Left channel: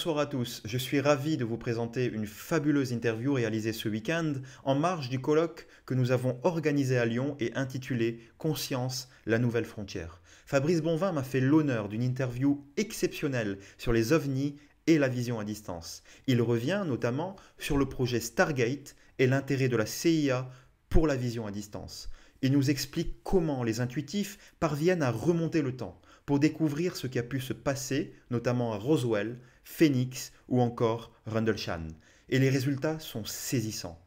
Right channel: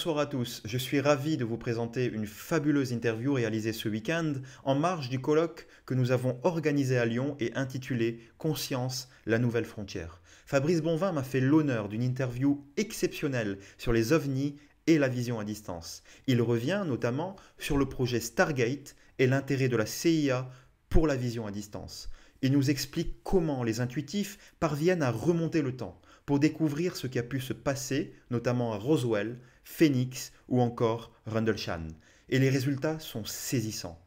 Bonsoir à tous, je suis ravi de vous présenter une fabuleuse interview réalisée ce week-end en marge du colloque que nous avons organisé à Lyon et intitulé « Conscience, la nouvelle frontière ». Fabrice Bonvin m'a fait l'honneur d'une interview exceptionnelle sur les ovnis et la vision à distance. Il revient notamment sur le projet Stargate et l'intérêt de la CIA pour la vision à distance. Il nous explique comment les intuitifs parviennent à remonter le temps pour découvrir ce qui a pu se passer, notamment à Roswell, Phoenix ou encore Rendlesham. Et les résultats sont saisissants.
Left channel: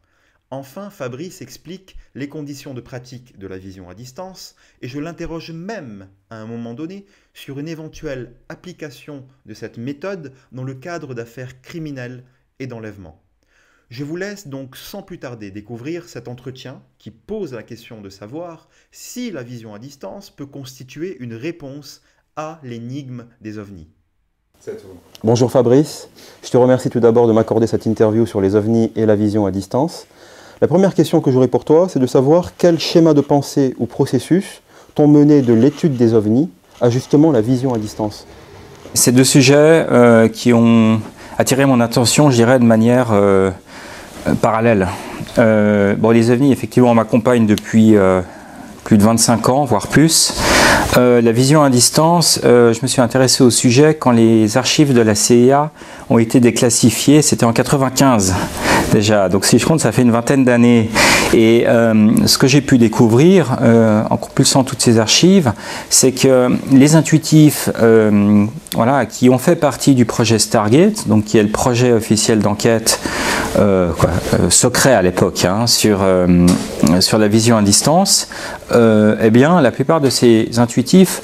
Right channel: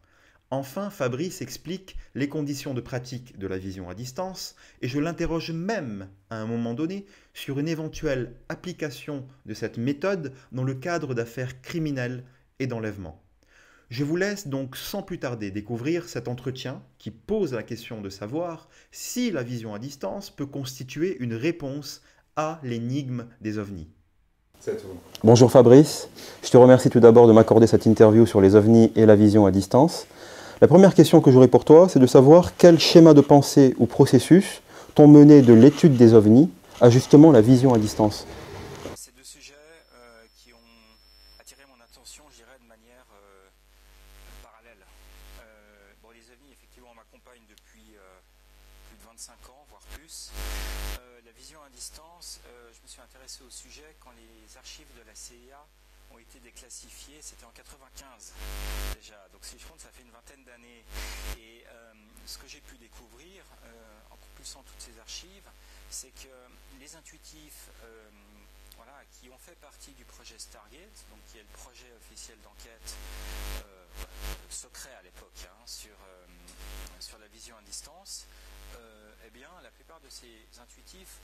Enfin, Fabrice explique les conditions de pratique de la vision à distance et je l'interroge même, à un moment donné, sur une éventuelle application de cette méthode dans le cadre d'affaires criminelles et d'enlèvement. Je vous laisse donc sans plus tarder découvrir cet entretien qui pose la question de savoir si la vision à distance peut constituer une réponse à l'énigme des ovnis. Bonjour Fabrice, je te remercie tout d'abord de m'accorder cette interview sur les ovnis et la vision à distance. La première question que j'aurais pour toi, c'est de savoir quel schéma de pensée ou processus t'ont mené de l'étude des ovnis à justement la vision à distance. Ces deux sujets qui ont attiré mon attention, je dirais, de manière parallèle. Les ovnis, effectivement, m'accompagnent depuis plus de 25 ans, voire plus. La vision à distance, je me suis intéressé au sujet quand les archives de la CIA ont été déclassifiées, c'était en 95 déjà, donc si je compte ça fait une vingtaine d'années. Et ce que j'ai pu découvrir en compulsant toutes ces archives, c'est que les intuitifs qui ont fait partie du projet Stargate, donc qui est le projet officiel d'enquête secret à l'époque sur la vision à distance, eh bien la plupart de ces intuitifs,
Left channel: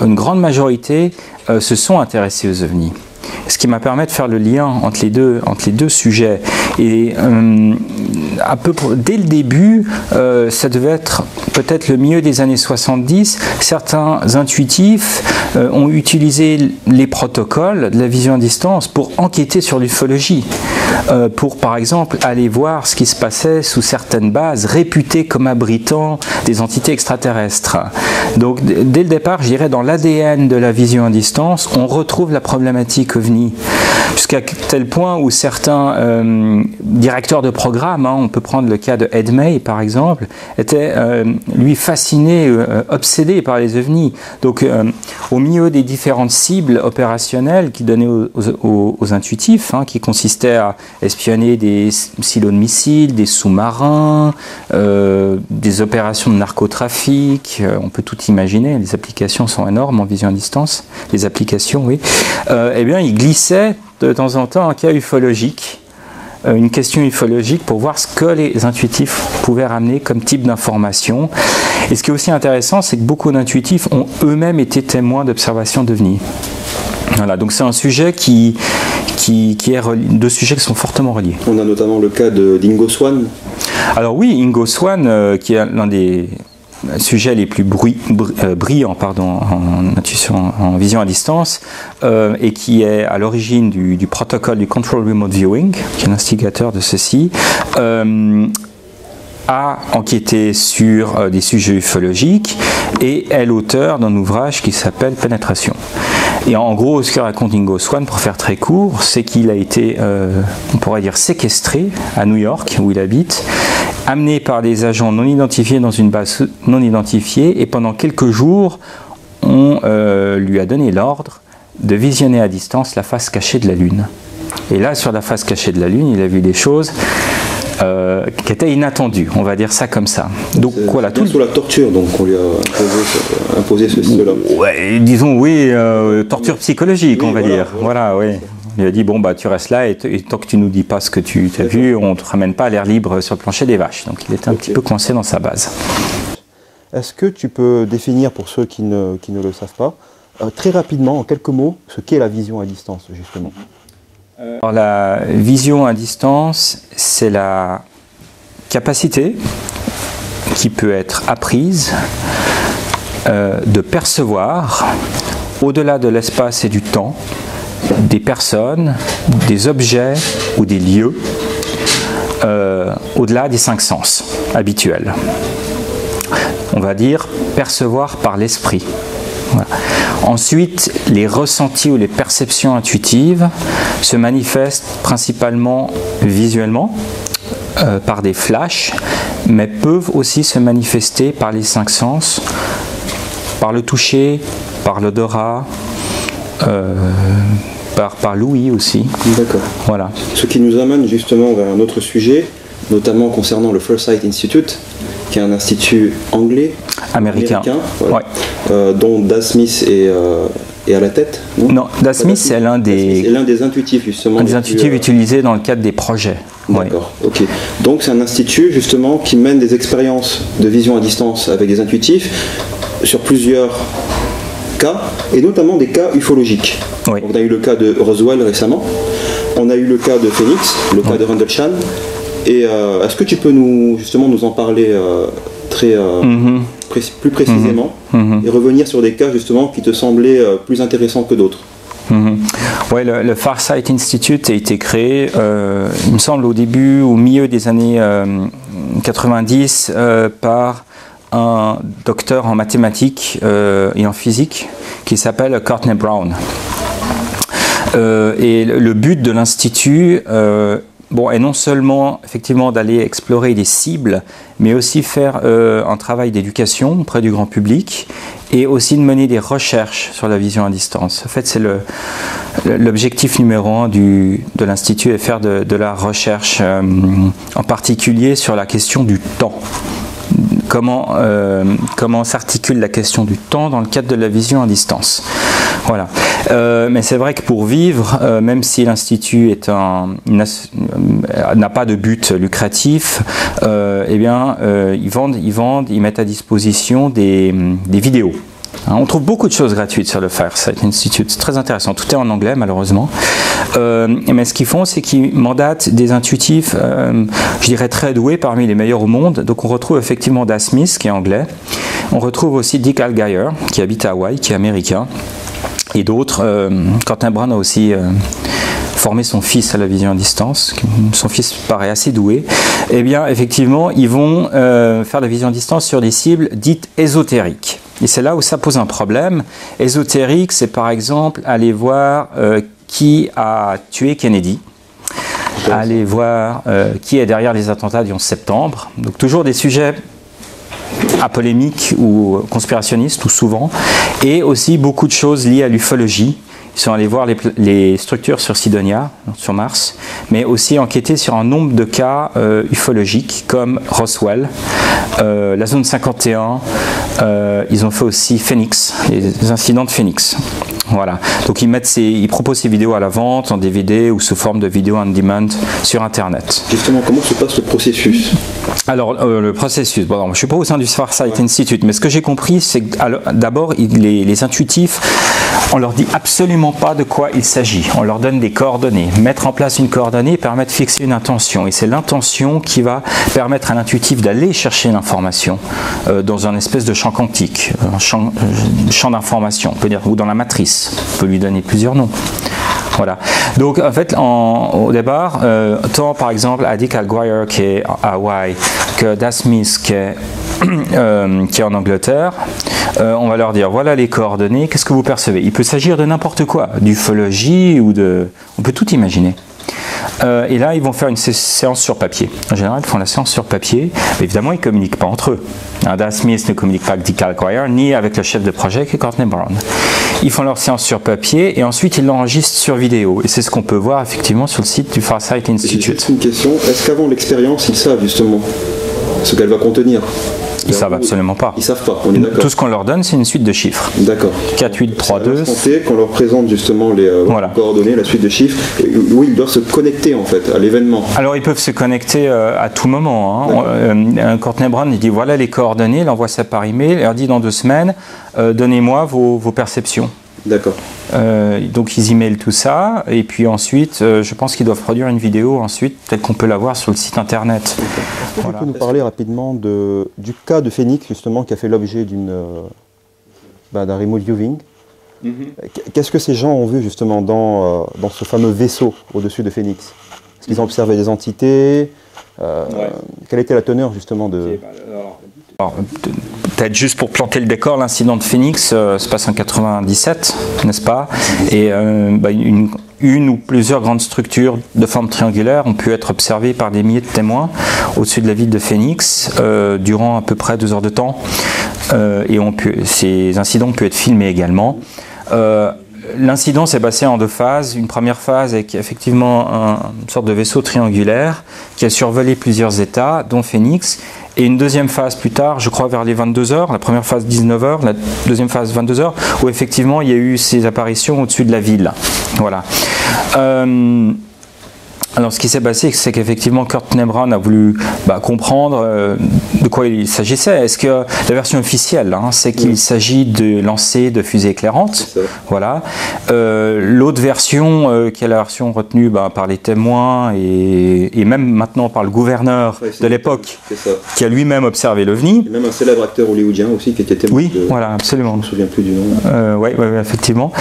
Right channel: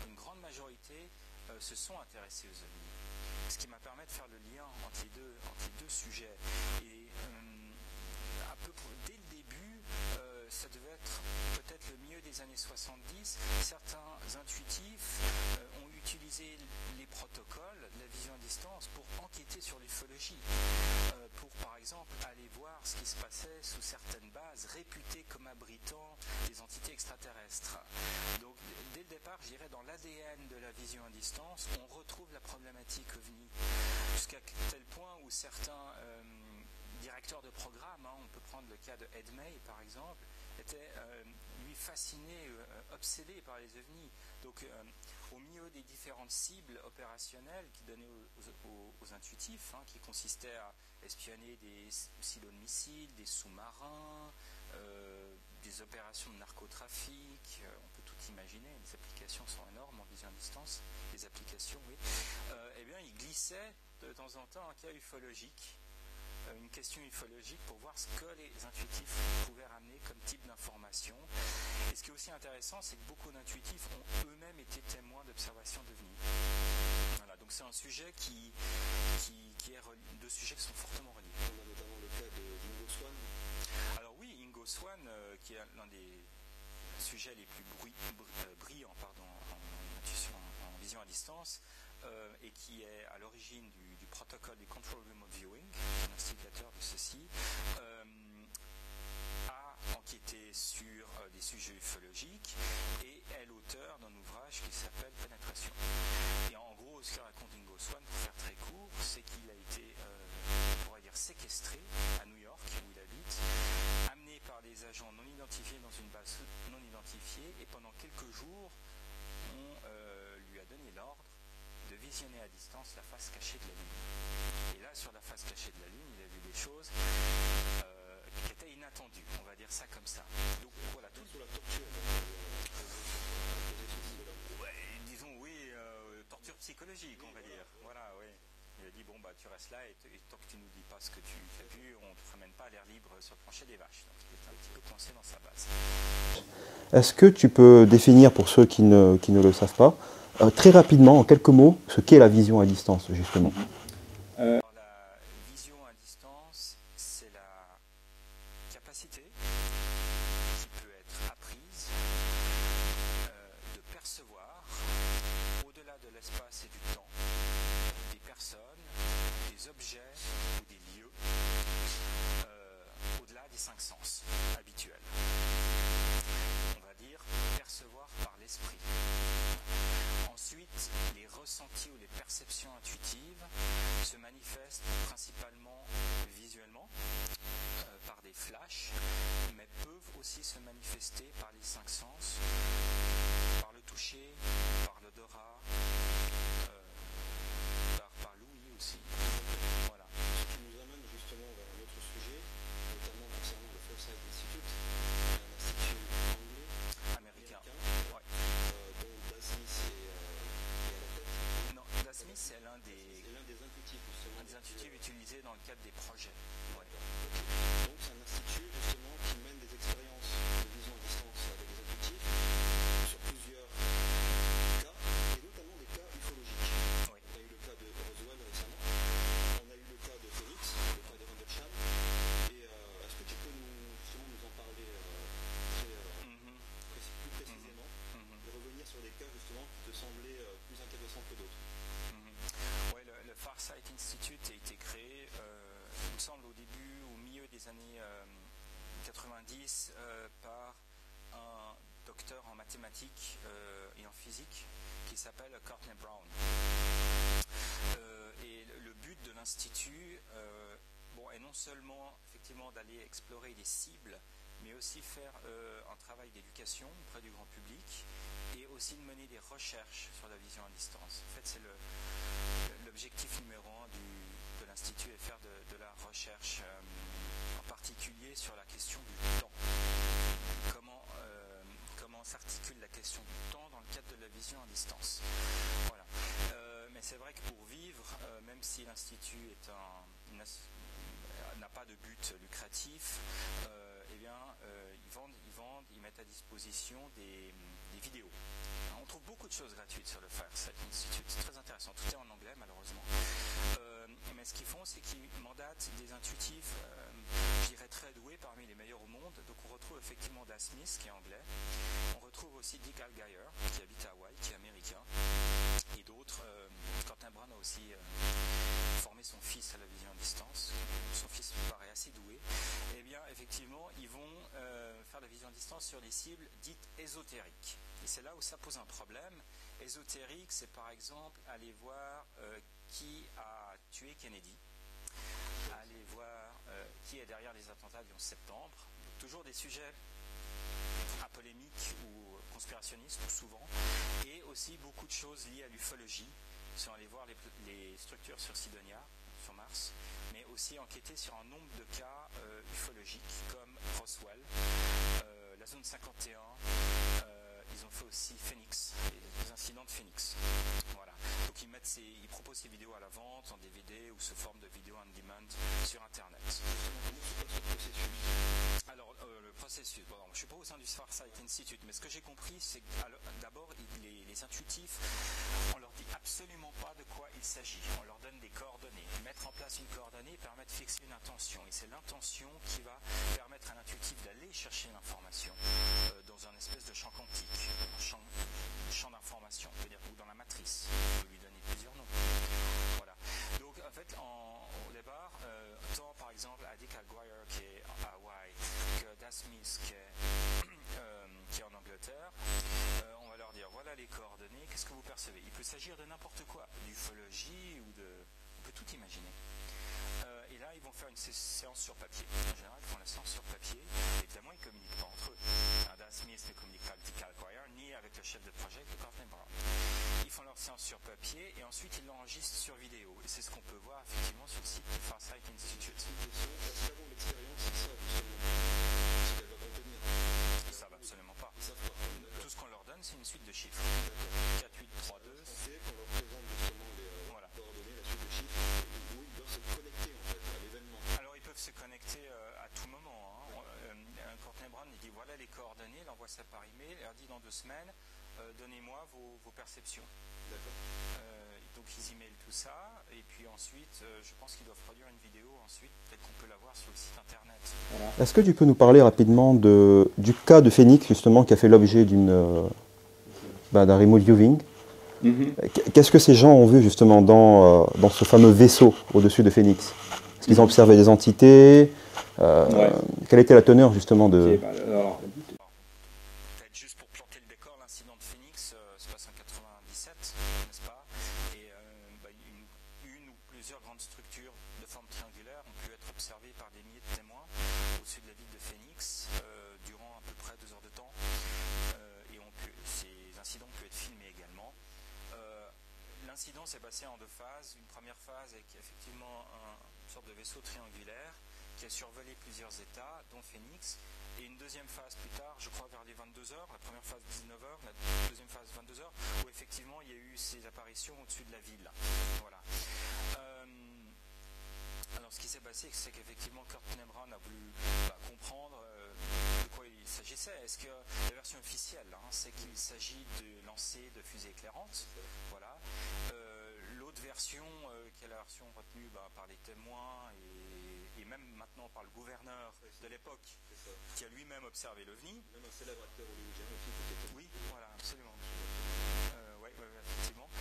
une grande majorité, se sont intéressés aux ovnis. Ce qui m'a permis de faire le lien entre les deux sujets. Et dès le début, ça devait être peut-être le milieu des années 70, certains intuitifs ont utilisé les protocoles de la vision à distance pour enquêter sur l'ufologie, pour par exemple aller voir ce qui se passait sous certaines bases réputées comme abritant des entités extraterrestres. Donc dès le départ, je dirais dans l'ADN de la vision à distance, on retrouve la problématique OVNI, jusqu'à tel point où certains directeurs de programme, on peut prendre le cas de Ed May par exemple, étaient lui fasciné, obsédé par les ovnis. Donc au milieu des différentes cibles opérationnelles qu'il donnait aux intuitifs, qui consistaient à espionner des silos de missiles, des sous-marins, des opérations de narcotrafic, on peut tout imaginer, les applications sont énormes en vision à distance, les applications, oui. Eh bien, il glissait de temps en temps un cas ufologique, une question ufologique pour voir ce que les intuitifs pouvaient ramener comme type d'information. Et ce qui est aussi intéressant, c'est que beaucoup d'intuitifs ont eux-mêmes été témoins d'observations d'OVNI. Voilà, donc c'est un sujet deux sujets qui sont fortement reliés. On a notamment le cas d'Ingo Swann. Alors oui, Ingo Swann, qui est l'un des sujets les plus brillants en vision à distance, et qui est à l'origine du protocole du Control Remote Viewing, qui est l'instigateur de ceci, a enquêté sur des sujets ufologiques et est l'auteur d'un ouvrage qui s'appelle Pénétration. Et en gros, ce que raconte Ingo Swann, pour faire très court, c'est qu'il a été, on pourrait dire, séquestré à New York, où il habite, amené par des agents non identifiés dans une base non identifiée, et pendant quelques jours, on lui a donné l'ordre de visionner à distance la face cachée de la Lune. Et là, sur la face cachée de la Lune, il a vu des choses qui étaient inattendues, on va dire ça comme ça. Donc voilà, tout sous la torture, donc on lui a imposé cela. Ouais, disons oui, torture psychologique, on va dire. Voilà, oui. Il a dit bon tu restes là et tant que tu nous dis pas ce que tu as vu, on te ramène pas à l'air libre sur le plancher des vaches. Donc il était un petit peu coincé dans sa base. Est-ce que tu peux définir pour ceux qui ne le savent pas, très rapidement, en quelques mots, ce qu'est la vision à distance justement? Alors, la vision à distance, c'est la capacité qui peut être apprise de percevoir, au-delà de l'espace et du temps, des personnes, des objets ou des lieux, au-delà des 5 sens habituels. On va dire percevoir par l'esprit. Voilà. Ensuite, les ressentis ou les perceptions intuitives se manifestent principalement visuellement, par des flashs, mais peuvent aussi se manifester par les 5 sens, par le toucher, par l'odorat, par l'ouïe aussi. D'accord. Voilà. Ce qui nous amène justement vers un autre sujet, notamment concernant le First Sight Institute, qui est un institut anglais, américain, ouais. Dont Das Smith est à la tête. Non, Das Smith c'est l'un des intuitifs justement. Un des intuitifs utilisés dans le cadre des projets. D'accord, ok. Donc c'est un institut justement qui mène des expériences de vision à distance avec des intuitifs sur plusieurs cas, et notamment des cas ufologiques. Oui. On a eu le cas de Roswell récemment, on a eu le cas de Phoenix, le cas de Rendlesham. Et est-ce que tu peux nous en parler plus précisément et revenir sur des cas justement qui te semblaient plus intéressants que d'autres? Ouais, le Far Sight Institute a été créé, il me semble, au milieu des années 90 par un docteur en mathématiques et en physique qui s'appelle Courtney Brown. Et le but de l'institut est non seulement effectivement d'aller explorer des cibles, mais aussi faire un travail d'éducation auprès du grand public et aussi de mener des recherches sur la vision à distance. En fait, c'est l'objectif numéro 1 de l'Institut est faire de la recherche, en particulier sur la question du temps. Comment s'articule la question du temps dans le cadre de la vision à distance. Voilà. Mais c'est vrai que pour vivre, même si l'Institut n'a pas de but lucratif, ils mettent à disposition des vidéos. On trouve beaucoup de choses gratuites sur le Far Sight Institute, c'est très intéressant, tout est en anglais malheureusement. Mais ce qu'ils font, c'est qu'ils mandatent des intuitifs, je dirais très doués, parmi les meilleurs au monde. Donc on retrouve effectivement Das Smith qui est anglais, on retrouve aussi Dick Allgaier qui habite à Hawaï, qui est américain, et d'autres. Courtney Brown a aussi formé son fils à la vision à distance, son fils paraît assez doué. Eh bien effectivement, ils vont faire la vision à distance sur des cibles dites ésotériques. Et c'est là où ça pose un problème. Ésotérique, c'est par exemple aller voir qui a tué Kennedy, aller voir qui est derrière les attentats du 11 septembre. Donc toujours des sujets à polémique ou conspirationnistes, ou souvent, et aussi beaucoup de choses liées à l'ufologie. Ils sont allés voir les structures sur Sidonia, sur Mars, mais aussi enquêter sur un nombre de cas ufologiques comme Roswell, la zone 51, ils ont fait aussi Phoenix, les incidents de Phoenix. Voilà. Donc ils proposent ces vidéos à la vente en DVD ou sous forme de vidéos on demand sur Internet. Justement, comment se passe le processus? Alors, le processus, bon, je ne suis pas au sein du Far Sight Institute, mais ce que j'ai compris, c'est que d'abord, les intuitifs, on leur dit absolument pas de quoi il s'agit. On leur donne des coordonnées. Mettre en place une coordonnée permet de fixer une intention. Et c'est l'intention qui va permettre à l'intuitif d'aller chercher l'information dans un espèce de champ quantique, un champ d'information, on peut dire, ou dans la matrice. On peut lui donner plusieurs noms. Voilà. Donc en fait, au départ, tant par exemple à Dick Allgaier qui est à Hawaï que Das Smith qui est en Angleterre, on va leur dire voilà les coordonnées, qu'est-ce que vous percevez? Il peut s'agir de n'importe quoi, d'ufologie ou de... On peut tout imaginer. Et là, ils vont faire une séance sur papier. En général, ils font la séance sur papier. Mais évidemment, ils ne communiquent pas entre eux. Das Smith ne communique pas avec Dick Allgaier, ni avec le chef de projet qui est Courtney Brown. Ils font leur séance sur papier et ensuite ils l'enregistrent sur vidéo. Et c'est ce qu'on peut voir effectivement sur le site du Far Sight Institute. J'ai juste une question. Est-ce qu'avant l'expérience, ils savent justement ce qu'elle va contenir? Ils ne savent absolument pas. Ils ne savent pas, on est d'accord. Tout ce qu'on leur donne, c'est une suite de chiffres. D'accord. 4, 8, 3, 2. Qu'on leur présente justement les coordonnées, la suite de chiffres, où ils doivent se connecter en fait à l'événement. Alors ils peuvent se connecter à tout moment. Hein. Courtney Brown, il dit voilà les coordonnées, il envoie ça par email, il leur dit dans 2 semaines, donnez-moi vos perceptions. D'accord. Donc ils emailent tout ça et puis ensuite je pense qu'ils doivent produire une vidéo ensuite, peut-être qu'on peut la voir sur le site internet. Est-ce que tu peux nous parler rapidement du cas de Phoenix justement qui a fait l'objet d'un remote viewing? Qu'est-ce que ces gens ont vu justement dans ce fameux vaisseau au-dessus de Phoenix? Est-ce qu'ils ont observé des entités? Quelle était la teneur justement de... Peut-être juste pour planter le décor, l'incident de Phoenix se passe en 97, n'est-ce pas? Et une ou plusieurs grandes structures de forme triangulaire ont pu être observées par des milliers de témoins au-dessus de la ville de Phoenix durant à peu près 2 heures de temps. Et ces incidents ont pu être filmés également. L'incident s'est passé en 2 phases. Une première phase avec effectivement une sorte de vaisseau triangulaire qui a survolé plusieurs États, dont Phoenix. Et une deuxième phase plus tard, je crois vers les 22h, la première phase 19h, la deuxième phase 22h, où effectivement il y a eu ces apparitions au-dessus de la ville. Voilà. Alors ce qui s'est passé, c'est qu'effectivement Kurt Nebran a voulu comprendre de quoi il s'agissait. Est-ce que la version officielle, c'est qu'il s'agit de lancer de fusées éclairantes, voilà. L'autre version, qui est la version retenue par les témoins et même maintenant par le gouverneur de l'époque, qui a lui-même observé l'OVNI. Et même un célèbre acteur hollywoodien aussi qui était témoin. Oui, voilà, absolument. Je ne me souviens plus du nom. Oui, effectivement.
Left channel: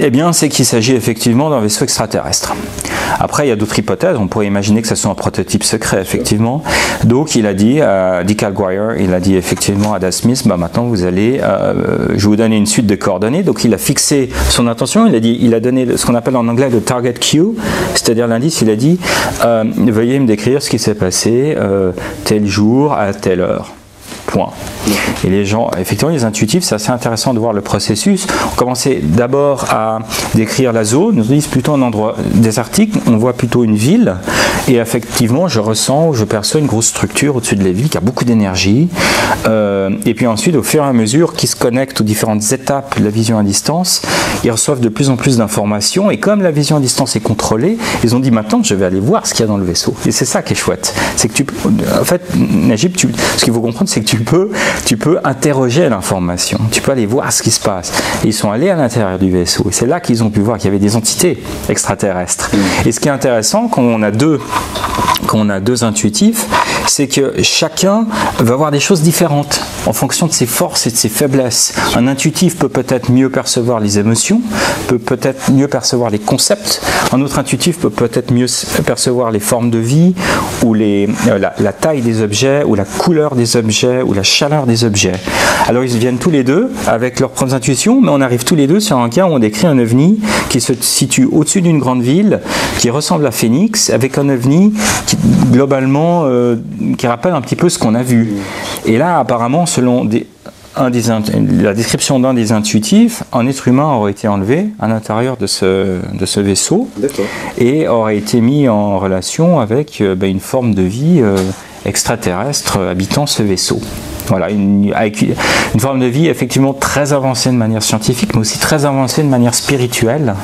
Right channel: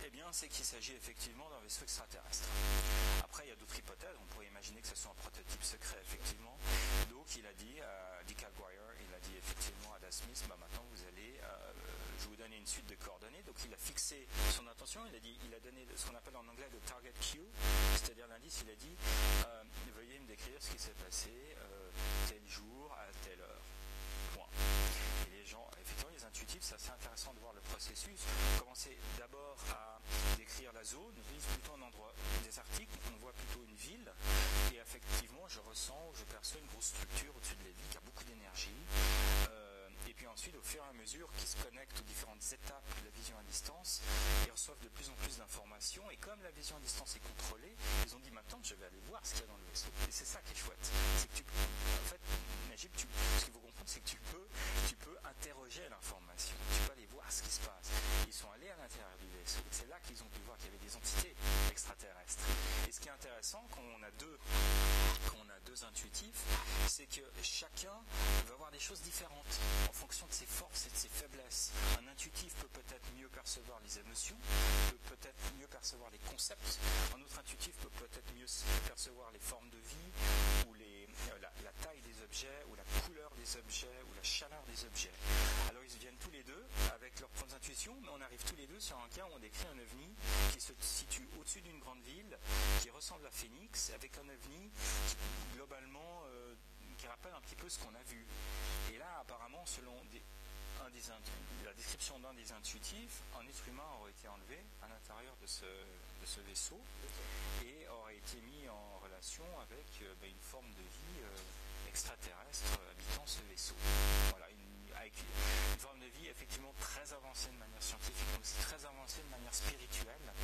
Eh bien, c'est qu'il s'agit effectivement d'un vaisseau extraterrestre. Après, il y a d'autres hypothèses. On pourrait imaginer que ce soit un prototype secret, effectivement. Donc, il a dit à Dick Alguire, il a dit effectivement à Das Smith, maintenant vous allez, je vais vous donner une suite de coordonnées. Donc, il a fixé son intention. Il a donné ce qu'on appelle en anglais le target cue, c'est-à-dire l'indice. Il a dit, veuillez me décrire ce qui s'est passé tel jour à telle heure. Point. Et les gens, effectivement, les intuitifs, c'est assez intéressant de voir le processus. On commençait d'abord à décrire la zone, on dit plutôt un endroit désertique, on voit plutôt une ville, et effectivement, je ressens, je perçois une grosse structure au-dessus de la ville qui a beaucoup d'énergie. Et puis ensuite, au fur et à mesure qu'ils se connectent aux différentes étapes de la vision à distance, ils reçoivent de plus en plus d'informations, et comme la vision à distance est contrôlée, ils ont dit maintenant, je vais aller voir ce qu'il y a dans le vaisseau. Et c'est ça qui est chouette. C'est que en fait, Najib, ce qu'il faut comprendre, c'est que tu peux interroger l'information, tu peux aller voir ce qui se passe. Et ils sont allés à l'intérieur du vaisseau et c'est là qu'ils ont pu voir qu'il y avait des entités extraterrestres. Et ce qui est intéressant quand on a deux intuitifs, c'est que chacun va voir des choses différentes en fonction de ses forces et de ses faiblesses. Un intuitif peut peut-être mieux percevoir les émotions, peut peut-être mieux percevoir les concepts. Un autre intuitif peut peut-être mieux percevoir les formes de vie ou la taille des objets ou la couleur des objets ou la chaleur des objets. Alors ils viennent tous les deux avec leurs propres intuitions, mais on arrive tous les deux sur un cas où on décrit un ovni qui se situe au-dessus d'une grande ville, qui ressemble à Phoenix, avec un ovni qui globalement qui rappelle un petit peu ce qu'on a vu. Et là, apparemment, selon la description d'un des intuitifs, un être humain aurait été enlevé à l'intérieur de ce vaisseau et aurait été mis en relation avec une forme de vie extraterrestre habitant ce vaisseau. Voilà, avec une forme de vie effectivement très avancée de manière scientifique, mais aussi très avancée de manière spirituelle,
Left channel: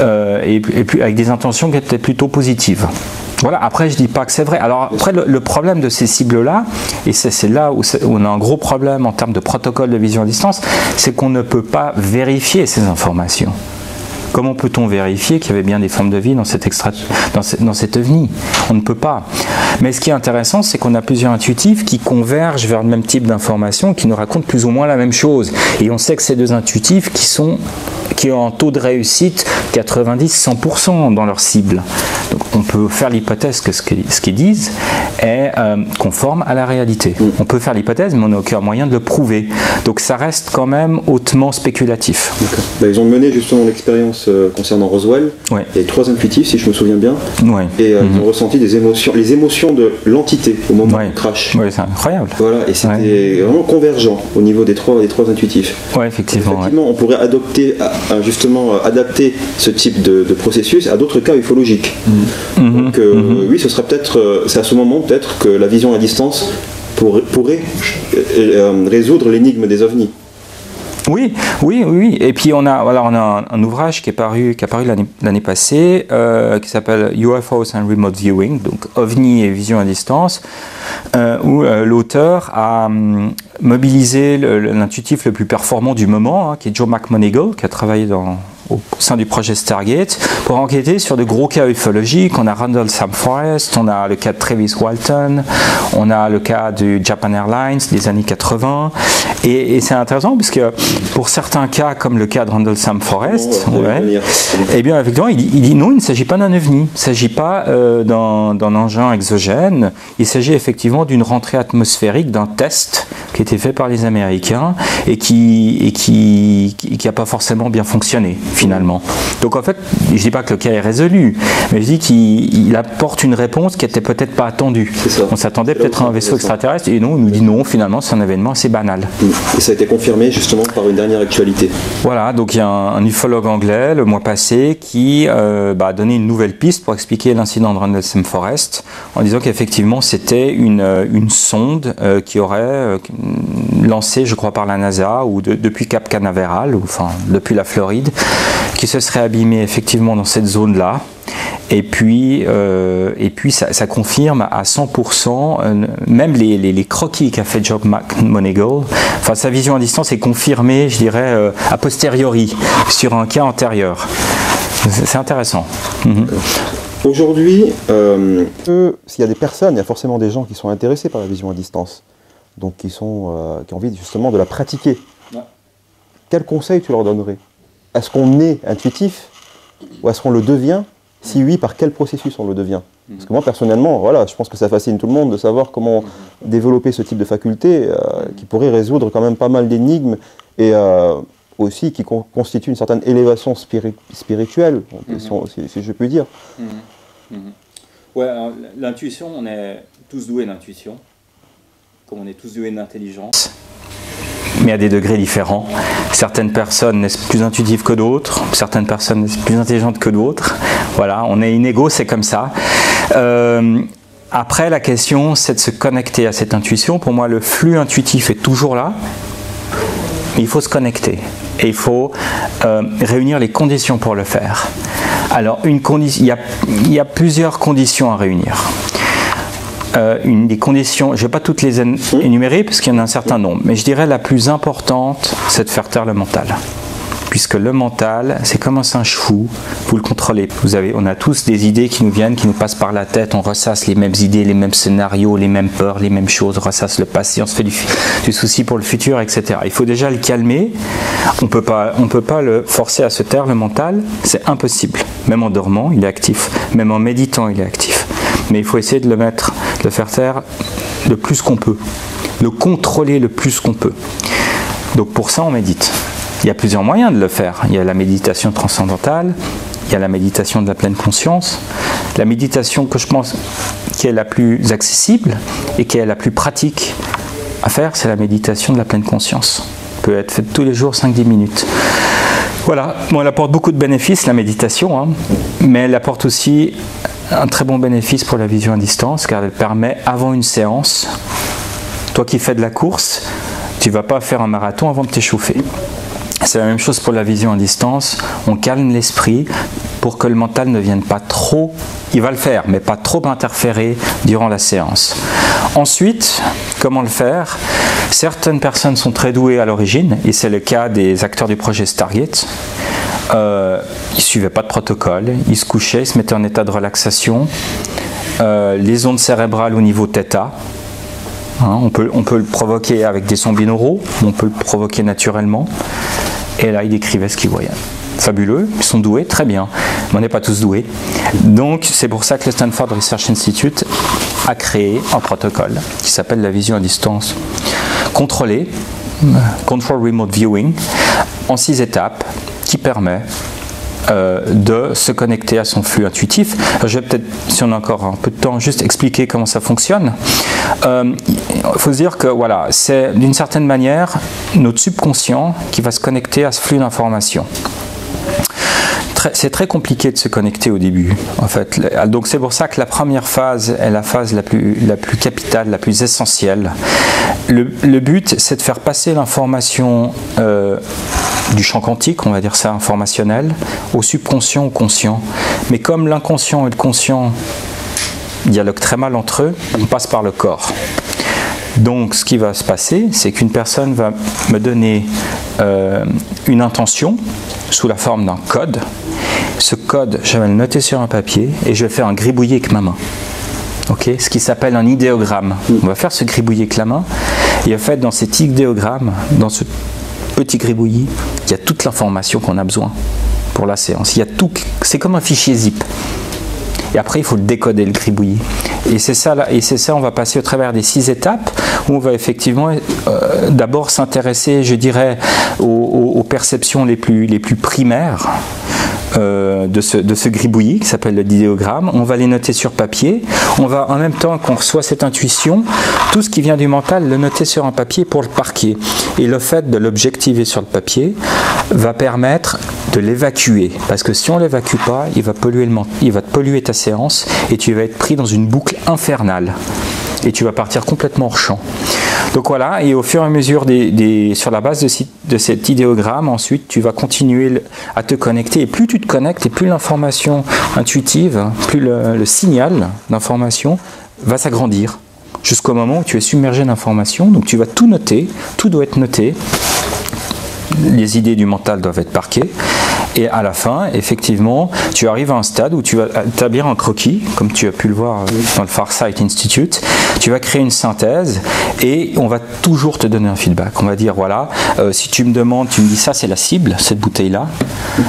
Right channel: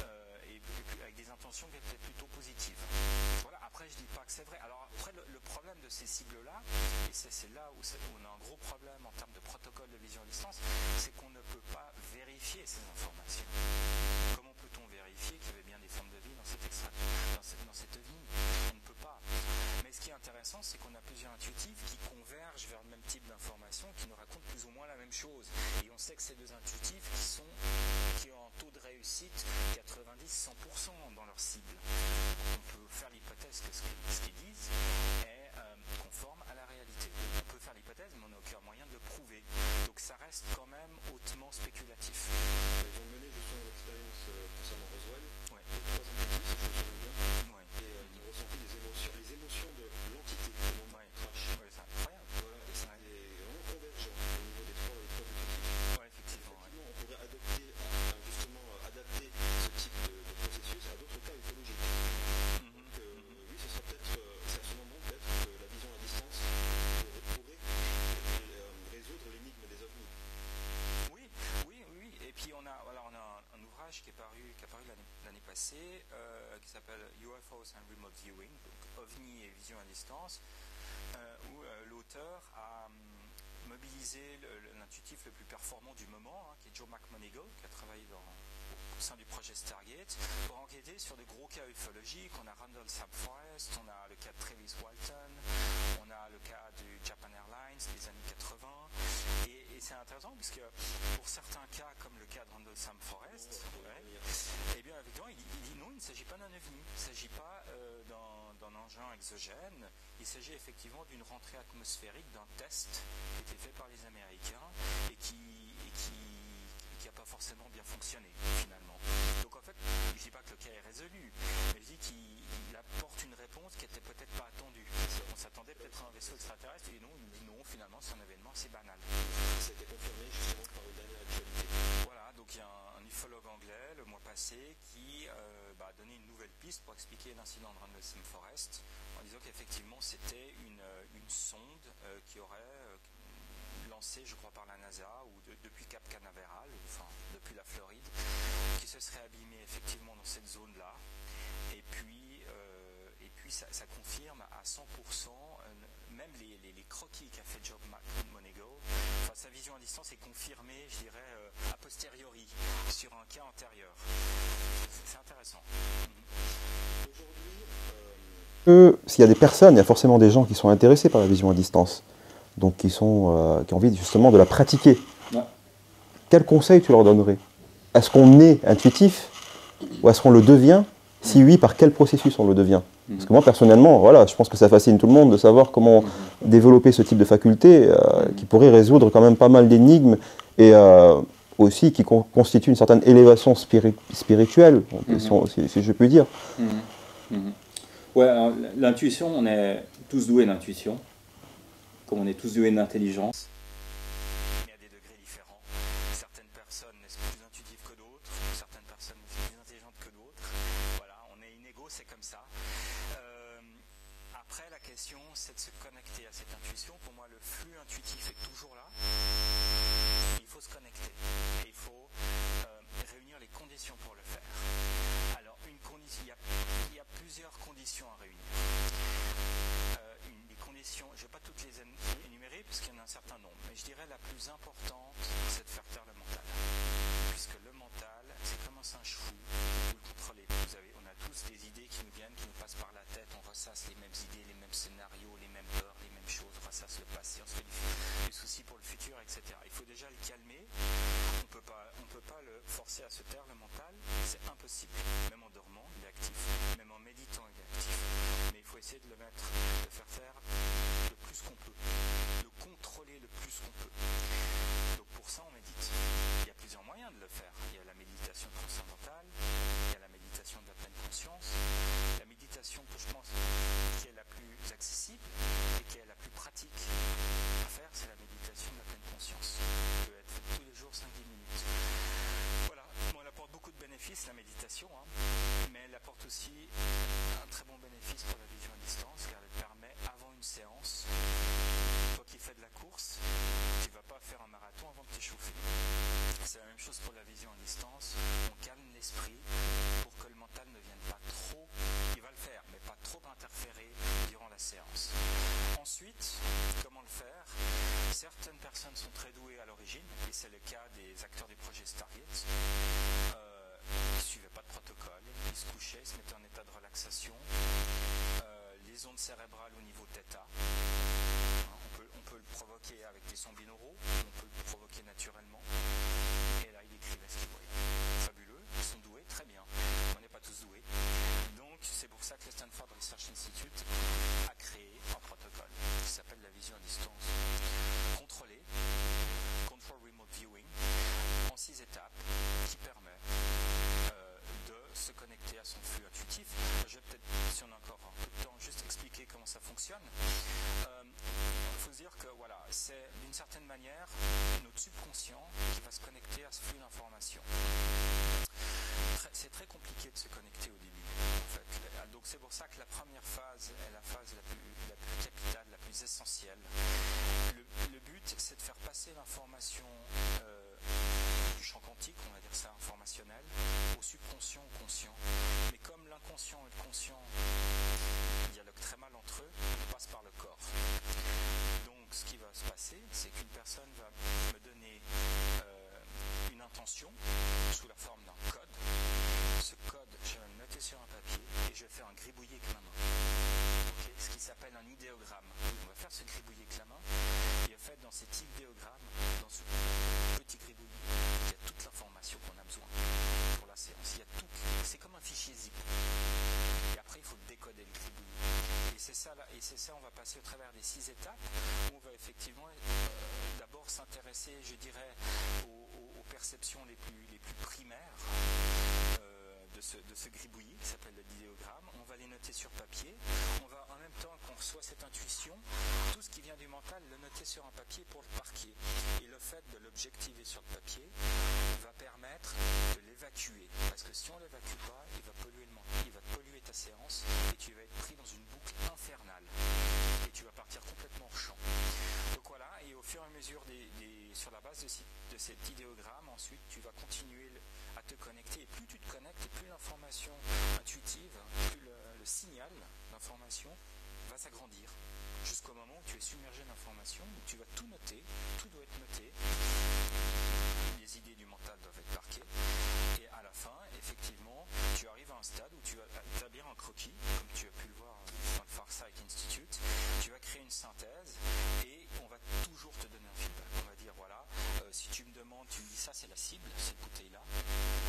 et puis avec des intentions qui étaient plutôt positives. Voilà, après je dis pas que c'est vrai. Alors après le problème de ces cibles-là, et c'est là où on a un gros problème en termes de protocole de vision à distance, c'est qu'on ne peut pas vérifier ces informations. Comment peut-on vérifier qu'il y avait bien des formes de vie dans cet ovni? On ne peut pas. Mais ce qui est intéressant, c'est qu'on a plusieurs intuitifs qui convergent vers le même type d'informations, qui nous racontent plus ou moins la même chose. Et on sait que ces deux intuitifs qui ont un taux de réussite 90-100% dans leur cible. Donc on peut faire l'hypothèse que ce qu'ils disent est conforme à la réalité. On peut faire l'hypothèse, mais on n'a aucun moyen de le prouver. Donc ça reste quand même hautement spéculatif. Ils ont mené justement l'expérience concernant Roswell. Il y a 3 intuitifs, si je me souviens bien. Et ils ont ressenti les émotions de l'entité au moment du crash. Oui, c'est incroyable. Voilà, et c'était vraiment convergent au niveau des trois intuitifs. Oui, effectivement. On pourrait adapter ce type de processus à d'autres cas ufologiques. Donc oui, ce serait peut-être, c'est à ce moment peut-être que la vision à distance pourrait résoudre l'énigme des ovnis. Oui. Et puis on a un ouvrage qui est paru l'année passée, qui s'appelle UFOs and Remote Viewing, donc OVNI et vision à distance, où l'auteur a mobilisé l'intuitif le plus performant du moment, qui est Joe McMoneagle, qui a travaillé au sein du projet Stargate pour enquêter sur de gros cas ufologiques. On a Rendlesham Forest, on a le cas de Travis Walton, on a le cas du Japan Airlines des années 80. Et c'est intéressant parce que pour certains cas, comme le cas de Rendlesham Forest, eh bien, effectivement, il dit non, il ne s'agit pas d'un ovni, il ne s'agit pas d'un engin exogène, il s'agit effectivement d'une rentrée atmosphérique, d'un test qui a été fait par les Américains et qui n'a pas forcément bien fonctionné finalement. Donc en fait, je ne dis pas que le cas est résolu, mais je dis qu'il apporte une réponse qui n'était peut-être pas attendue. On s'attendait peut-être à un vaisseau extraterrestre et non, il nous dit non, finalement c'est un événement assez banal. Et ça a été confirmé justement par une dernière actualité. Voilà, donc il y a un ufologue anglais le mois passé qui a donné une nouvelle piste pour expliquer l'incident de Rendlesham Forest en disant qu'effectivement c'était une sonde qui aurait lancée, je crois, par la NASA ou depuis Cap Canaveral, ou enfin depuis la Floride, qui se serait abîmée effectivement dans cette zone-là. Et puis ça confirme à 100%, même les croquis qu'a fait Job McMoneagle, enfin sa vision à distance est confirmée, je dirais, a posteriori, sur un cas antérieur. C'est intéressant. Aujourd'hui, s'il y a des personnes, il y a forcément des gens qui sont intéressés par la vision à distance, donc qui ont envie justement de la pratiquer. Ouais. Quel conseil tu leur donnerais? Est-ce qu'on est intuitif ou est-ce qu'on le devient? Si oui, par quel processus on le devient? Parce que moi, personnellement, voilà, je pense que ça fascine tout le monde de savoir comment développer ce type de faculté qui pourrait résoudre quand même pas mal d'énigmes et aussi qui constitue une certaine élévation spirituelle, si je puis dire. Ouais, l'intuition, on est tous doués d'intuition, comme on est tous doués d'intelligence, mais à des degrés différents. Certaines personnes naissent plus intuitives que d'autres, certaines personnes naissent plus intelligentes que d'autres. Voilà, on est inégaux, c'est comme ça. Après, la question, c'est de se connecter à cette intuition. Pour moi, le flux intuitif est toujours là, mais il faut se connecter. Et il faut réunir les conditions pour le faire. Alors, il y a plusieurs conditions à réunir. Des conditions, je ne vais pas toutes les énumérer parce qu'il y en a un certain nombre, mais je dirais la plus importante, c'est de faire taire le mental. Puisque le mental, c'est comme un singe fou, vous le contrôlez. On a tous des idées qui nous viennent, qui nous passent par la tête, on ressasse les mêmes idées, les mêmes scénarios, les mêmes peurs, les mêmes choses, on ressasse le passé, on se fait du souci pour le futur, etc. Il faut déjà le calmer, on peut pas le forcer à se taire le mental, c'est impossible. Même en dormant, il est actif, même en méditant, il est actif. Mais il faut essayer de le faire taire le plus qu'on peut, le contrôler le plus qu'on peut. Donc pour ça, on médite. Il y a plusieurs moyens de le faire. Il y a la méditation transcendantale, il y a la méditation de la pleine conscience. La méditation que je pense qui est la plus accessible et qui est la plus pratique à faire, c'est la méditation de la pleine conscience. Elle peut être faite tous les jours, 5-10 minutes. Voilà, bon, elle apporte beaucoup de bénéfices, la méditation, mais elle apporte aussi un très bon bénéfice pour la vision à distance, car elle permet, avant une séance, toi qui fais de la course, tu ne vas pas faire un marathon avant de t'échauffer. C'est la même chose pour la vision à distance, on calme l'esprit pour que le mental ne vienne pas trop, il va le faire, mais pas trop interférer durant la séance. Ensuite, comment le faire? Certaines personnes sont très douées à l'origine, et c'est le cas des acteurs du projet Stargate. Ils ne suivaient pas de protocole, ils se couchaient, ils se mettaient en état de relaxation, les ondes cérébrales au niveau θ. On peut le provoquer avec des sons binauraux, on peut le provoquer naturellement. Et là, ils décrivaient ce qu'ils voyaient. Fabuleux, ils sont doués, très bien. Mais on n'est pas tous doués. Donc, c'est pour ça que le Stanford Research Institute a créé un protocole qui s'appelle la vision à distance contrôlée, Control Remote Viewing, en 6 étapes, qui permet de se connecter à son flux intuitif. Je vais peut-être, si on a encore un peu de temps, juste expliquer comment ça fonctionne. Il faut se dire que voilà, c'est d'une certaine manière notre subconscient qui va se connecter à ce flux d'informations. C'est très compliqué de se connecter au début, en fait. Donc c'est pour ça que la première phase est la phase la plus capitale, la plus essentielle. Le but, c'est de faire passer l'information du champ quantique, on va dire ça, informationnel, au subconscient, au conscient. Mais comme l'inconscient et le conscient dialoguent très mal entre eux, on passe par le corps. Donc ce qui va se passer, c'est qu'une personne va me donner une intention sous la forme d'un code. Ce code, je vais le noter sur un papier et je vais faire un gribouillis avec ma main. Okay, ce qui s'appelle un idéogramme. On va faire ce gribouillis avec la main. Et en fait, dans cet idéogramme, dans ce petit gribouillis, il y a toute l'information qu'on a besoin pour la séance. Il y a tout, c'est comme un fichier zip. Et après, il faut le décoder, le gribouillis. Et c'est ça, on va passer au travers des 6 étapes où on va effectivement d'abord s'intéresser, je dirais, aux perceptions les plus primaires de ce gribouillis qui s'appelle le idéogramme. On va les noter sur papier. On va, en même temps qu'on reçoit cette intuition, tout ce qui vient du mental, le noter sur un papier pour le parquer. Et le fait de l'objectiver sur le papier va permettre de l'évacuer. Parce que si on ne l'évacue pas, il va te polluer ta séance et tu vas être pris dans une boucle infernale. Et tu vas partir complètement hors champ. Donc voilà, et au fur et à mesure, sur la base de cet idéogramme, ensuite, tu vas continuer à te connecter. Et plus tu te connectes, et plus l'information intuitive, plus le signal d'information va s'agrandir. Jusqu'au moment où tu es submergé d'informations. Donc tu vas tout noter, tout doit être noté. Les idées du mental doivent être parquées. Et à la fin, effectivement, tu arrives à un stade où tu vas établir un croquis, comme tu as pu le voir dans le Farsight Institute. Tu vas créer une synthèse et on va toujours te donner un feedback. On va dire, voilà, si tu me demandes, tu me dis ça c'est la cible, cette bouteille-là.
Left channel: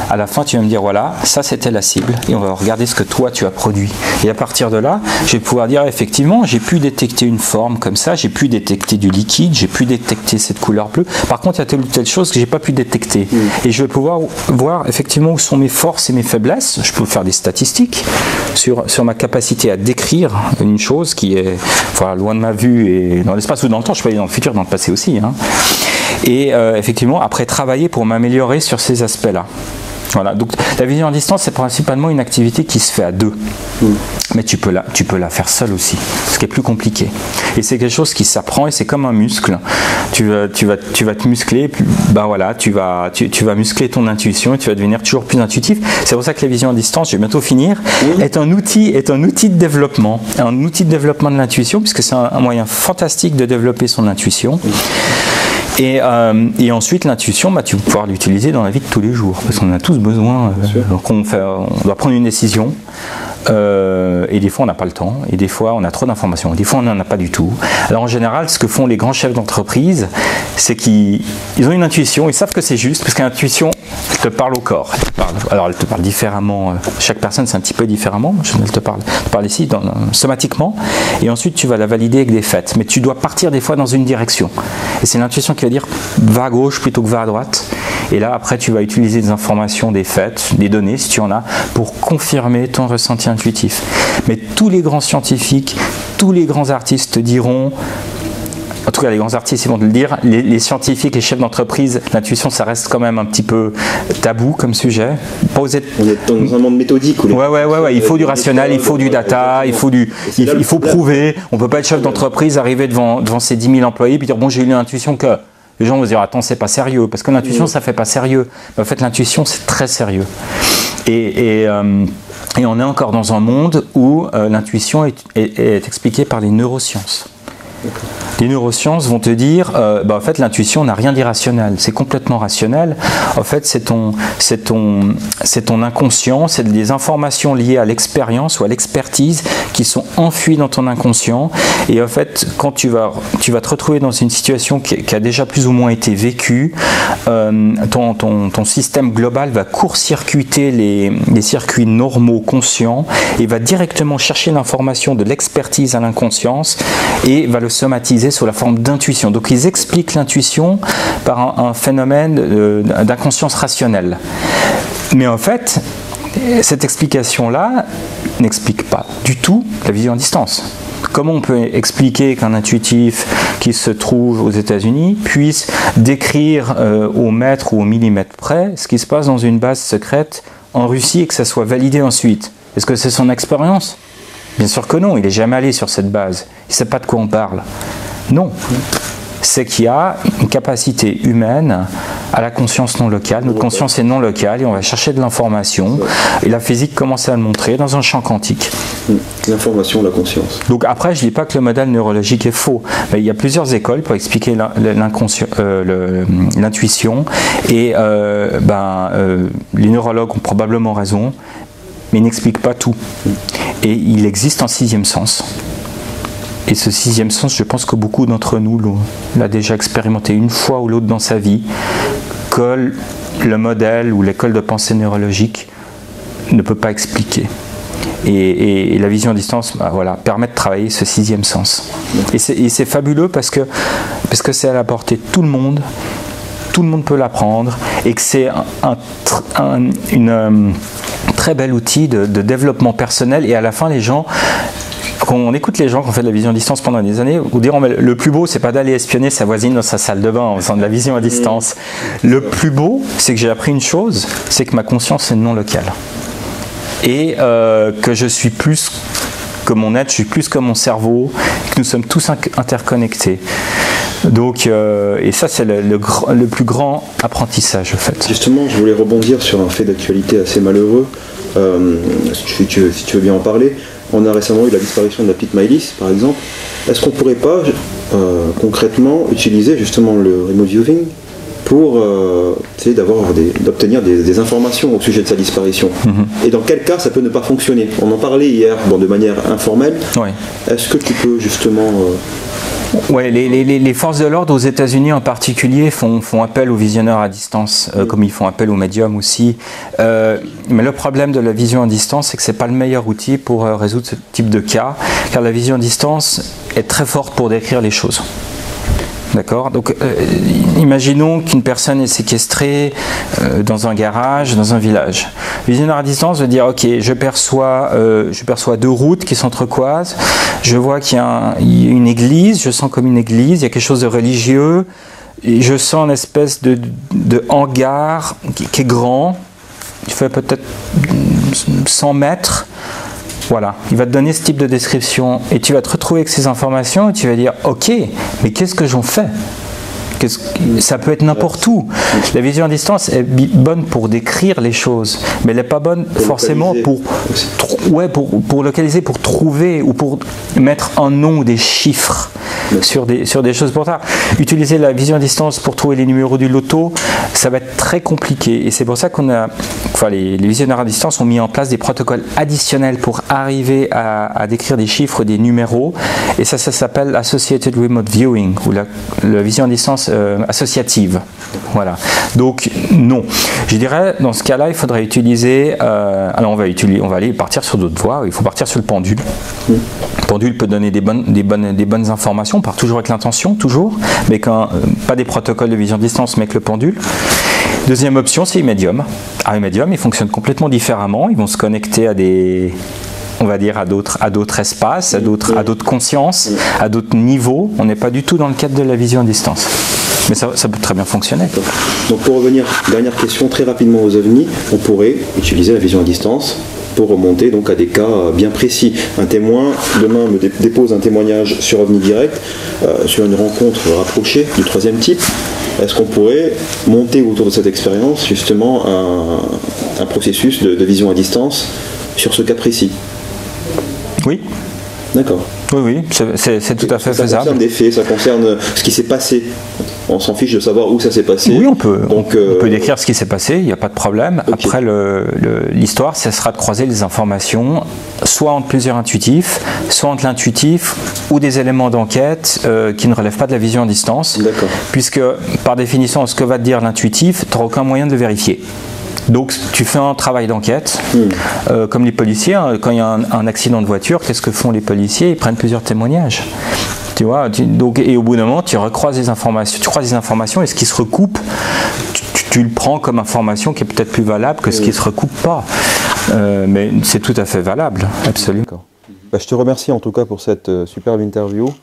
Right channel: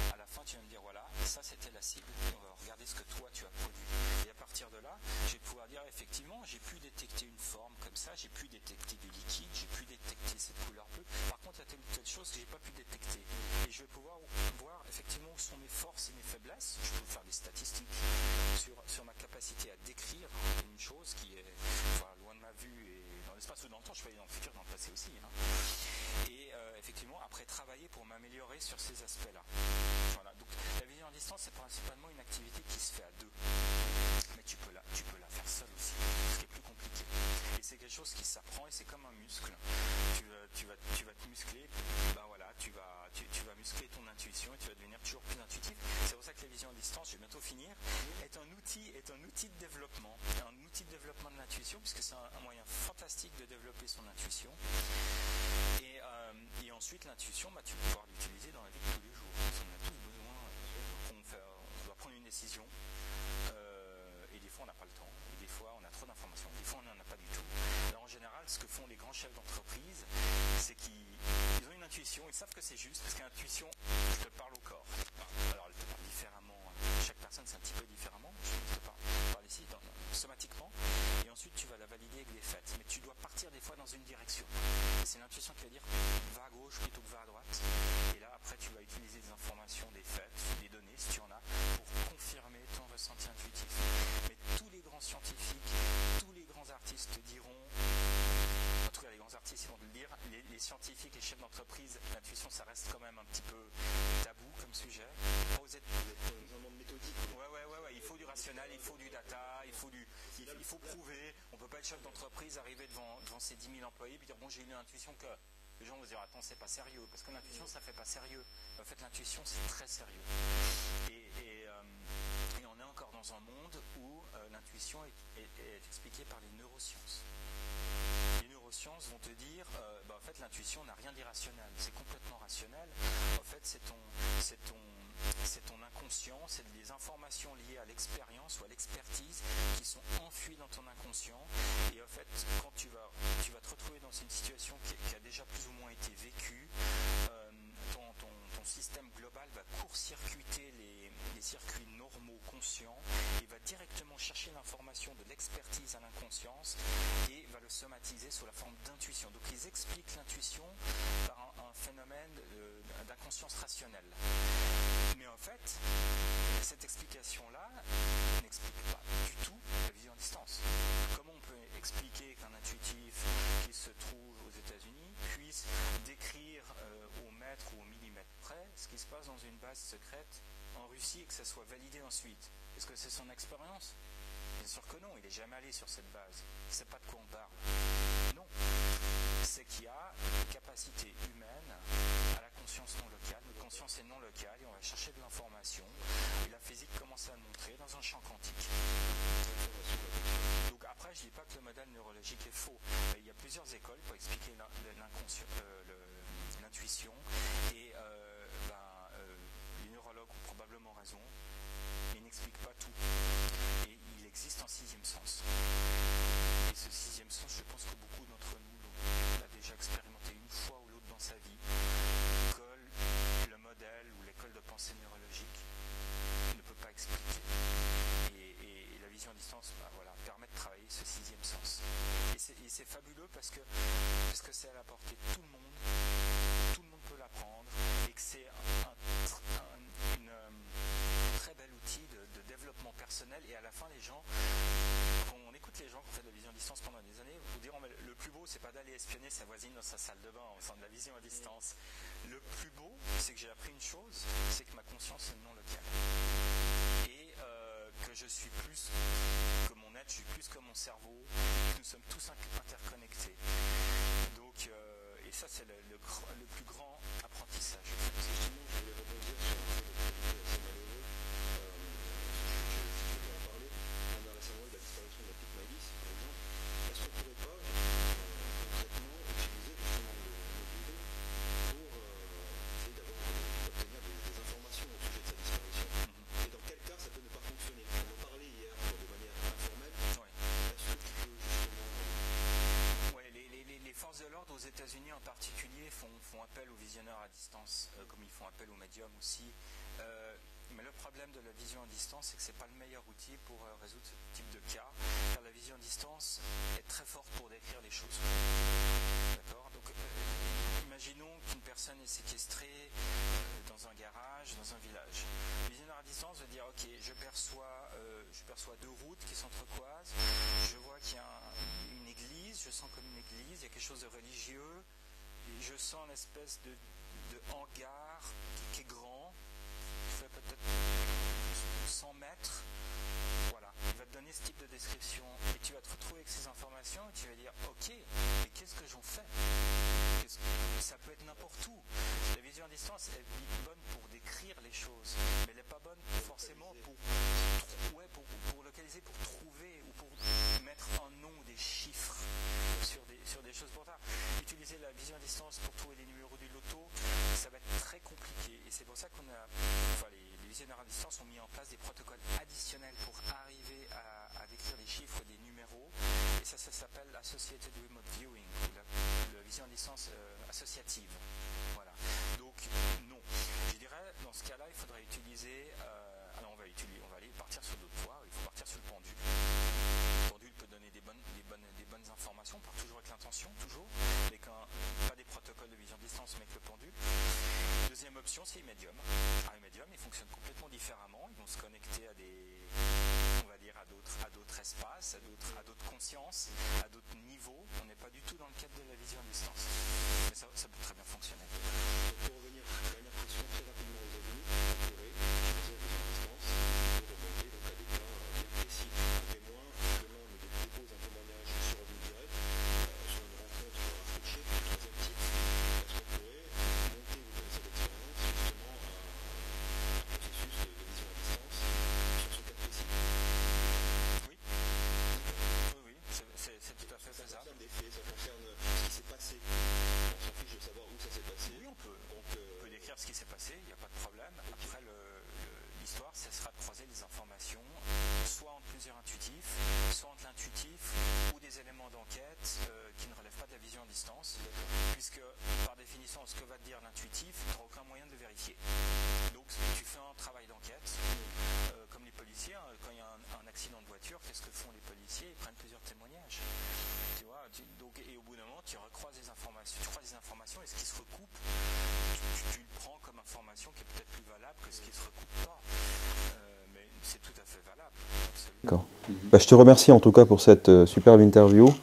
À la fin, tu vas me dire, voilà, ça c'était la cible. Et on va regarder ce que toi tu as produit. Et à partir de là, je vais pouvoir dire, effectivement, j'ai pu détecter une forme comme ça, j'ai pu détecter du liquide, j'ai pu détecter cette couleur bleue. Par contre, il y a telle ou telle chose que j'ai pas pu détecter. Et je vais pouvoir voir effectivement où sont mes forces et mes faiblesses. Je peux faire des statistiques sur ma capacité à décrire une chose qui est loin de ma vue et dans l'espace ou dans le temps. Je peux aller dans le futur, dans le passé aussi. Hein. Et effectivement, après travailler pour m'améliorer sur ces aspects-là. Voilà, donc la vision à distance, c'est principalement une activité qui se fait à deux. Mais tu peux la faire seule aussi, ce qui est plus compliqué. Et c'est quelque chose qui s'apprend et c'est comme un muscle. Tu vas te muscler, ben voilà, tu vas muscler ton intuition et tu vas devenir toujours plus intuitif. C'est pour ça que la vision à distance, je vais bientôt finir, est un outil de développement. Un outil de développement de l'intuition, puisque c'est un moyen fantastique de développer son intuition. Et ensuite, l'intuition, tu vas pouvoir l'utiliser dans la vie de tous les jours, parce qu'on en a tous besoin. On doit prendre une décision, et des fois on n'a pas le temps, et des fois on a trop d'informations, et des fois on n'en a pas du tout. Alors en général, ce que font les grands chefs d'entreprise, c'est qu'ils ont une intuition, ils savent que c'est juste, parce que l'intuition, elle te parle au corps. Alors elle te parle différemment, chaque personne c'est un petit peu différemment, elle te parle ici somatiquement, et ensuite tu vas la valider avec des faits, mais tu dois partir des fois dans une direction. Et c'est l'intuition qui va dire va à gauche plutôt que va à droite, et là après tu vas utiliser des informations, des faits, des données si tu en as, pour confirmer ton ressenti intuitif. Mais tous les grands scientifiques, tous les grands artistes te diront, en tout cas les grands artistes ils vont te le dire, les scientifiques, les chefs d'entreprise, l'intuition ça reste quand même un petit peu tabou comme sujet. On est dans un monde méthodique. Ouais, il faut du rationnel, il faut du data, il faut prouver. On ne peut pas être chef d'entreprise, arriver devant ses 10 000 employés et dire bon j'ai eu l'intuition que... Les gens vont se dire attends c'est pas sérieux, parce que l'intuition ça fait pas sérieux. Mais en fait l'intuition c'est très sérieux. Et on est encore dans un monde où l'intuition est expliquée par les neurosciences. Les neurosciences vont te dire en fait l'intuition n'a rien d'irrationnel, c'est complètement rationnel. En fait c'est ton inconscient, c'est des informations liées à l'expérience ou à l'expertise qui sont enfuies dans ton inconscient, et en fait quand tu vas te retrouver dans une situation qui a déjà plus ou moins été vécue, ton système global va court-circuiter les circuits normaux conscients et va directement chercher l'information de l'expertise à l'inconscience et va le somatiser sous la forme d'intuition. Donc ils expliquent l'intuition par un phénomène d'inconscience rationnelle. Mais en fait, cette explication-là n'explique pas du tout la vision à distance. Comment on peut expliquer qu'un intuitif qui se trouve aux États-Unis puisse décrire au mètre ou au millimètre près ce qui se passe dans une base secrète en Russie et que ça soit validé ensuite? Est-ce que c'est son expérience? Bien sûr que non, il n'est jamais allé sur cette base. Il ne sait pas de quoi on parle. Non. C'est qu'il y a une capacité humaine à la conscience non locale. Notre conscience est non locale et on va chercher de l'information. Et la physique commence à le montrer dans un champ quantique. L'information, la conscience. Donc après, je ne dis pas que le modèle neurologique est faux. Mais il y a plusieurs écoles pour expliquer l'intuition. Et les neurologues ont probablement raison, mais ils n'expliquent pas tout. Et il existe un sixième sens. Et ce sixième sens, je pense que beaucoup d'entre nous l'a déjà expérimenté une fois ou l'autre dans sa vie, que le modèle ou l'école de pensée neurologique ne peut pas expliquer. Et la vision à distance permet de travailler ce sixième sens. Et c'est fabuleux parce que c'est à la portée de tout le monde peut l'apprendre, et que c'est un très bel outil de développement personnel. Et à la fin, les gens... Quand on écoute les gens qui ont fait de la vision à distance pendant des années, vous diront mais le plus beau, c'est pas d'aller espionner sa voisine dans sa salle de bain en faisant de la vision à distance. Le plus beau, c'est que j'ai appris une chose, c'est que ma conscience est non locale. Et que je suis plus que mon être, je suis plus que mon cerveau, que nous sommes tous interconnectés. Donc, et ça, c'est le plus grand apprentissage, en fait. Justement, je voulais rebondir sur un fait d'actualité assez malheureux, si tu veux bien en parler. On a récemment eu la disparition de la petite Maëlys, par exemple. Est-ce qu'on ne pourrait pas concrètement utiliser justement le remote viewing pour essayer d'obtenir des informations au sujet de sa disparition? Et dans quel cas ça peut ne pas fonctionner? On en parlait hier de manière informelle. Ouais. Est-ce que tu peux justement... Ouais, les forces de l'ordre aux États-Unis en particulier font appel aux visionneurs à distance, comme ils font appel aux médiums aussi. Mais le problème de la vision à distance, c'est que ce n'est pas le meilleur outil pour résoudre ce type de cas, car la vision à distance est très forte pour décrire les choses. D'accord. Donc, imaginons qu'une personne est séquestrée dans un garage, dans un village. Le visionneur à distance veut dire, ok, je perçois deux routes qui s'entrecroisent, je vois qu'il y a une église, je sens comme une église, il y a quelque chose de religieux, et je sens une espèce de hangar qui est grand, il fait peut-être 100 mètres. Voilà, il va te donner ce type de description et tu vas te retrouver avec ces informations et tu vas dire ok, mais qu'est-ce que j'en fais? Ça peut être n'importe où. La vision à distance est bonne pour décrire les choses, mais elle n'est pas bonne forcément pour localiser, pour trouver ou pour mettre un nom ou des chiffres sur des choses pour ça. Utiliser la vision à distance pour trouver les numéros du loto, ça va être très compliqué. Et c'est pour ça les visionnaires à distance ont mis en place des protocoles additionnels pour arriver à décrire des chiffres, des numéros. Et ça s'appelle Associated Remote Viewing, ou la vision à distance associative. Voilà. Donc non. Je dirais, dans ce cas-là, il faudrait utiliser... alors on va aller partir sur d'autres voies. Il faut partir sur le pendule. Le pendule peut donner des bonnes informations. On part toujours avec l'intention, mais pas des protocoles de vision à distance, mais avec le pendule. Deuxième option, c'est les médiums. Les médiums, ils fonctionnent complètement différemment. Ils vont se connecter à d'autres espaces, à d'autres consciences, à d'autres niveaux. On n'est pas du tout dans le cadre de la vision à distance. Mais ça peut très bien fonctionner. Donc pour revenir, dernière question, très rapidement aux ovnis, on pourrait utiliser la vision à distance pour remonter donc à des cas bien précis. Un témoin, demain, me dépose un témoignage sur OVNI Direct, sur une rencontre rapprochée du troisième type. Est-ce qu'on pourrait monter autour de cette expérience justement un processus de vision à distance sur ce cas précis? Oui. D'accord. Oui, c'est tout à fait faisable. Ça concerne des faits, ça concerne ce qui s'est passé. On s'en fiche de savoir où ça s'est passé. Oui, on peut décrire ce qui s'est passé, il n'y a pas de problème. Okay. Après, l'histoire, ça sera de croiser les informations, soit entre plusieurs intuitifs, soit entre l'intuitif ou des éléments d'enquête qui ne relèvent pas de la vision à distance. D'accord. Puisque, par définition, ce que va te dire l'intuitif, tu n'auras aucun moyen de le vérifier. Donc tu fais un travail d'enquête, comme les policiers, quand il y a un accident de voiture, qu'est-ce que font les policiers? Ils prennent plusieurs témoignages. Tu vois, et au bout d'un moment, tu recroises des informations, tu croises des informations et ce qui se recoupe, tu le prends comme information qui est peut-être plus valable que ce qui ne se recoupe pas. Mais c'est tout à fait valable, absolument. Je te remercie en tout cas pour cette superbe interview.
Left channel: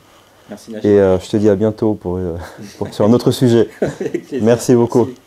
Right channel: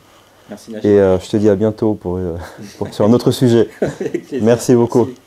Merci, et je te dis à bientôt sur un autre sujet. Merci beaucoup. Merci.